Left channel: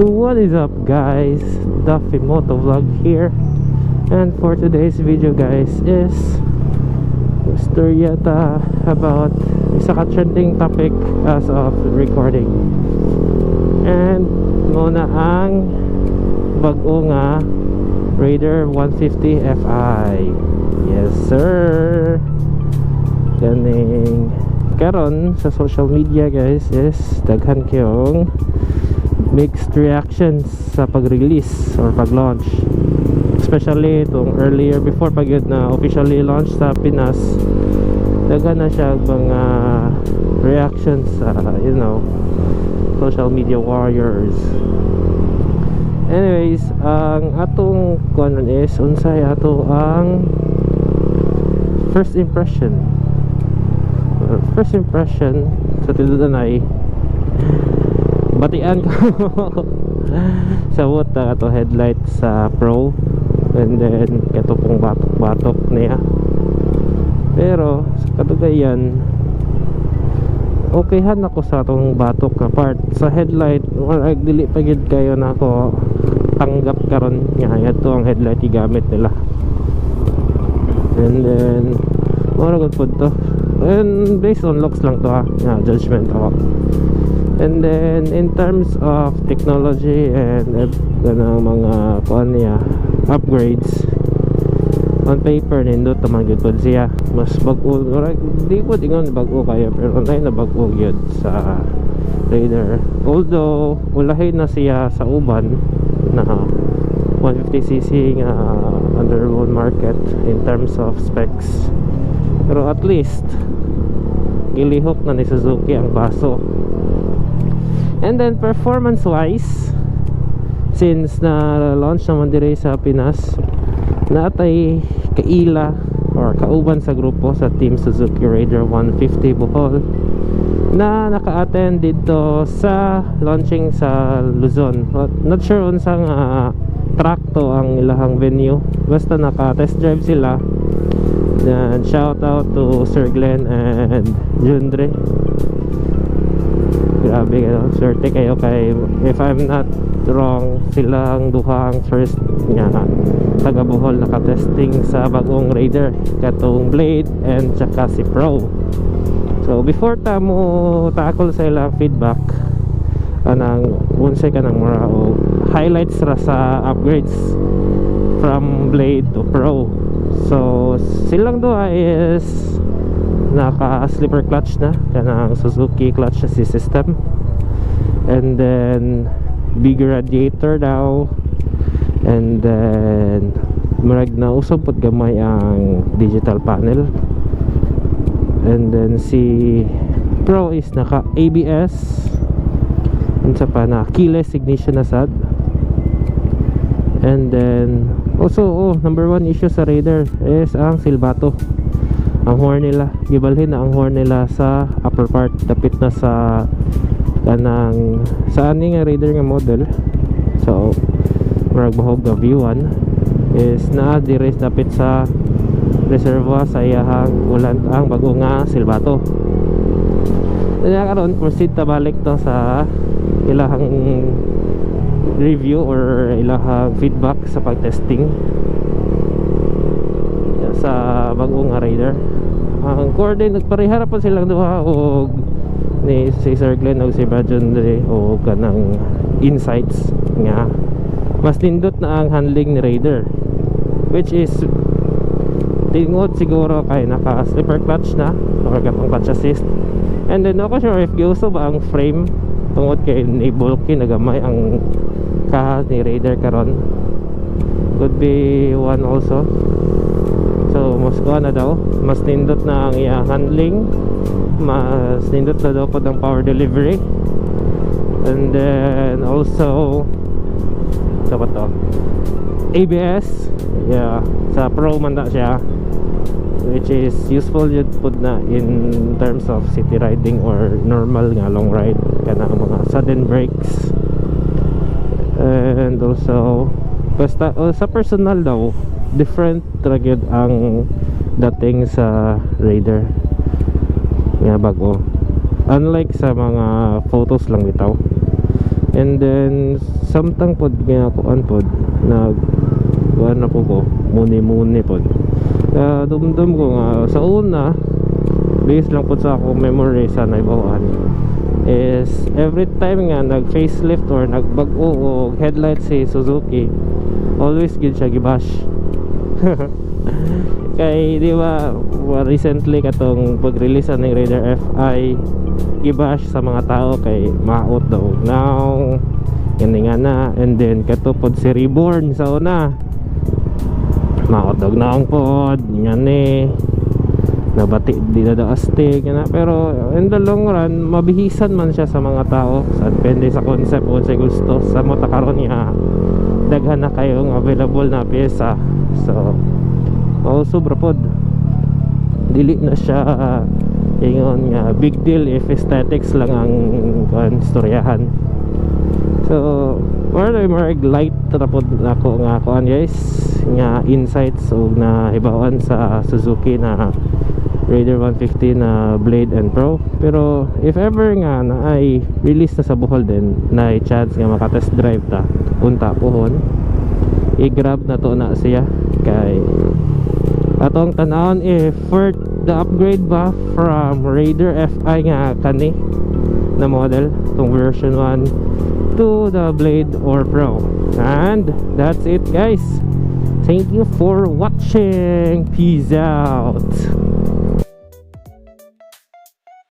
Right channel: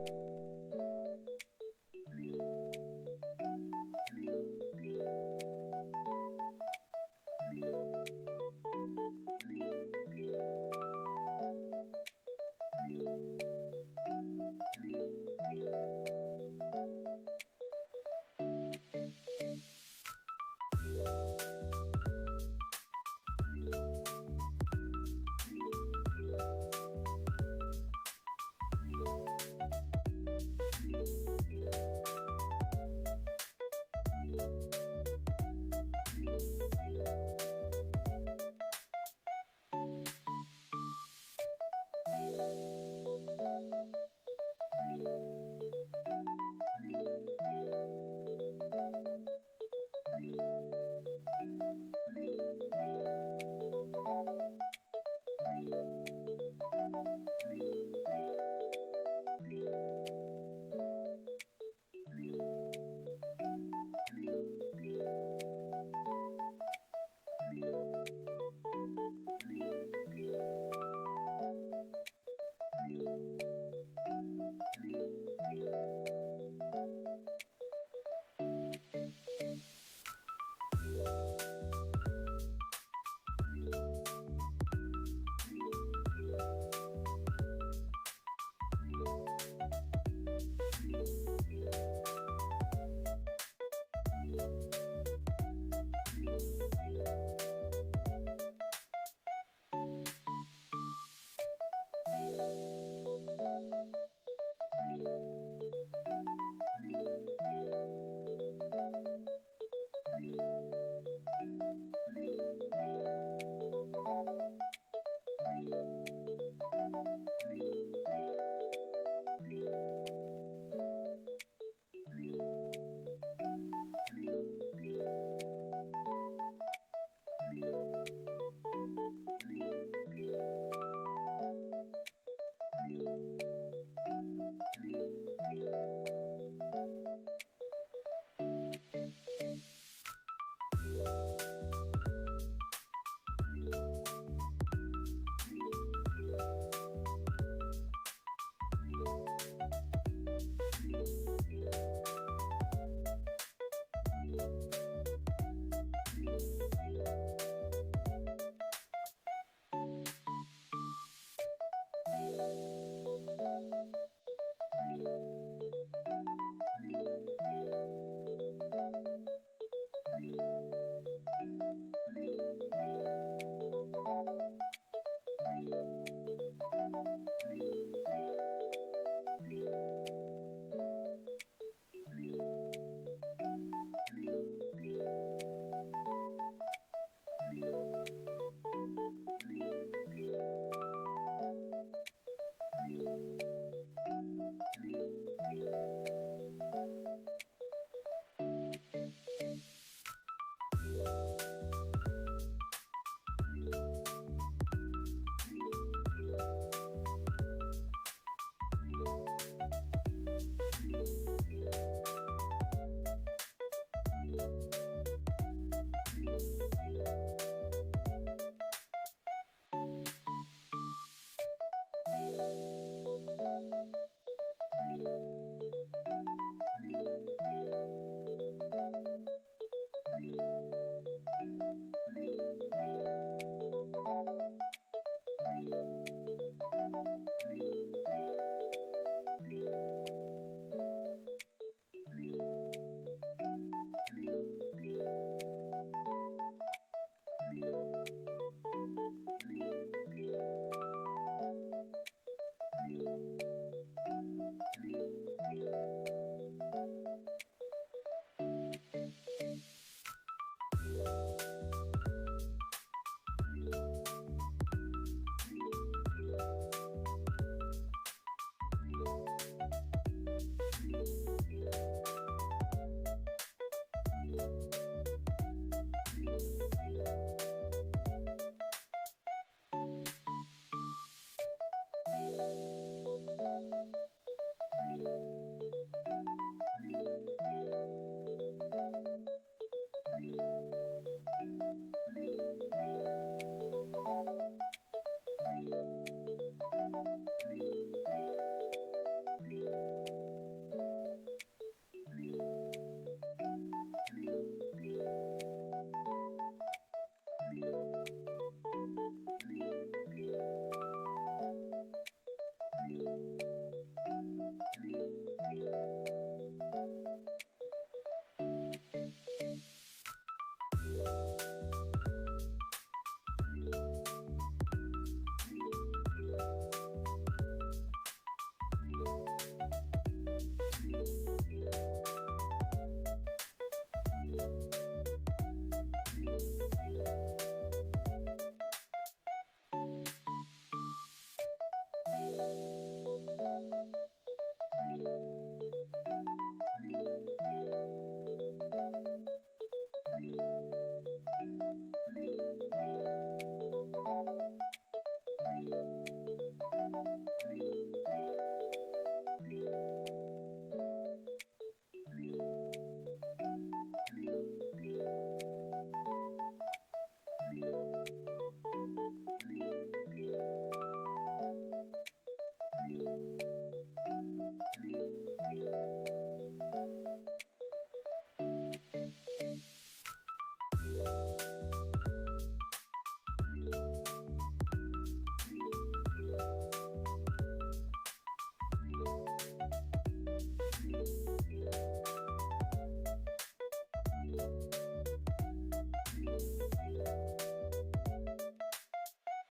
So what is up guys, Duffy Moto Vlog here, and for today's video guys is story yata about isa ka trending topic as of recording, and muna ang bago nga Raider 150 Fi. Yes sir, ganing karon sa social media guys is daghan kayong mixed reactions sa pag-release or pag-launch, especially itong earlier before pag yun na officially launch sa Pinas. Daghan na siya mga reactions sa social media warriors. Anyways, ang atong kuan is unsay ato ang first impression sa tinudan ay batian ko sa wuta ato headlight sa Pro, and then kato pong batok niya, pero sa katugayan okayhan ako sa atong batok na part sa headlight. Wala dili pa gid kayo na ako tanggap karon nga ato ang headlight igamit nila, and then mura gud pud to, and based on looks lang to nga judgment ako. And then in terms of technology and mga kuan niya upgrades, on paper nindot naman gyud pud siya. Mas bag-o, di ko dingon bag-o kayo, pero online na bag-o gyud sa Raider. Although ulahin na siya sa uban na 150cc nga under world market in terms of specs, pero at least gilihok na ni Suzuki ang baso. And then performance wise, since na launch naman dire sa Pinas, natay kaila or kauban sa grupo sa Team Suzuki Raider 150 Bohol na naka-attend dito sa launching sa Luzon. Not sure unsang track to ang ilahang venue, basta naka-test drive sila. Then shout out to Sir Glenn and Jundre. Grabe kayo, swerte kayo kay, if I'm not wrong, silang duha ang first nga taga Bohol nakatesting sa bagong Raider, katong Blade and tsaka si Pro. So before ta mo tackle sa ilang feedback, anang unsay ka ng mura o highlights ra sa upgrades from Blade to Pro. So silang duha is naka slipper clutch na kanang Suzuki clutch assist system, and then bigger radiator daw, and then murag na usab pud gamay ang digital panel, and then si Pro is naka ABS, unsa pa na keyless ignition na sad. And then also number one issue sa Raider is ang silbato. Ang horn nila, gibalhin na ang horn nila sa upper part, dapit na sa kanang sa ani nga Raider nga model. So murag bahog nga V1 is naa dire dapit sa reservoir sa iyahang ulan ang bago nga silbato. Kaya karon proceed ta balik to sa ilahang review or ilahang feedback sa pagtesting sa bagong Raider. Ang coordinate nagparehara pa silang duha og ni si Sir Glenn og si Bajon Dre o kanang insights nga mas nindot na ang handling ni Raider, which is tingod siguro kay naka slipper clutch na or katong clutch assist. And then ako sure if giuso ba ang frame tungod kay ni bulky nagamay ang kahas ni Raider karon, could be one also. So mas kuha na daw, mas nindot na ang iya handling, mas nindot na daw po ng power delivery, and then also sa ba to ABS, yeah, sa Pro man na siya, which is useful yun po na in terms of city riding or normal nga long ride, kana mga sudden brakes. And also basta sa personal daw different traged ang dating sa Raider nga bago, unlike sa mga photos lang bitaw. And then samtang pod ginakuan pod nag kuan ako ko muni pod. Dumdum ko nga sa una based lang pod sa ako memory sa naibawan is every time nga nag facelift or nagbag-o og headlight si Suzuki, always gid siya gibash. Kay di ba recently katong pag-release ng Raider FI, gibash sa mga tao kay maot daw now gani nga na. And then katupod si Reborn sa una, maot daw naong pod ngani nabati di na daw astig na. Pero in the long run mabihisan man siya sa mga tao, sa depende sa concept kung sa gusto sa mota karon niya daghan na kayong available na pyesa. So sobra pod dili na siya ingon nga big deal if aesthetics lang ang istoryahan. So more light na pod ako nga kuan guys nga insights og na hibawan sa Suzuki na Raider 150 na Blade and Pro. Pero if ever nga na ay release na sa Bohol din na chance nga maka-test drive ta punta pohon, i-grab na to na siya kay atong tanawon if worth the upgrade ba from Raider FI nga kani na model tong version 1 to the Blade or Pro. And that's it guys, thank you for watching, peace out.